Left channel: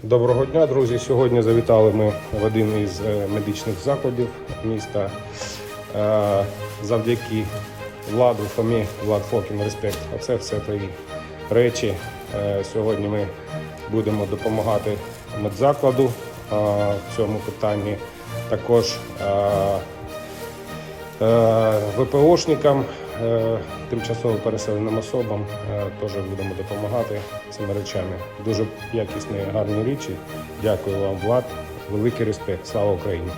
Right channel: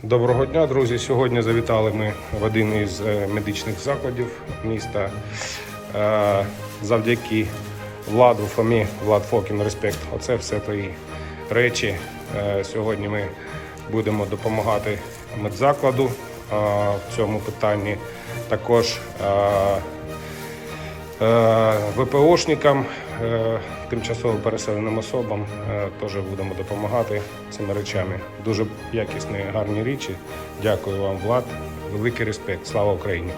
Доброго дня, друзі. Сьогодні завітали ми в один із е, медичних закладів міста. Е, Завдяки владу Фомі, Влад Фокін, респект. Оце все твої речі. Е, Сьогодні ми будемо допомагати медзакладу в цьому питанні. Також ВПОшникам, е, тимчасово переселеним особам е, теж будемо допомагати цими речами. Дуже якісні, гарні речі. Дякую вам, Влад. Великий респект. Слава Україні!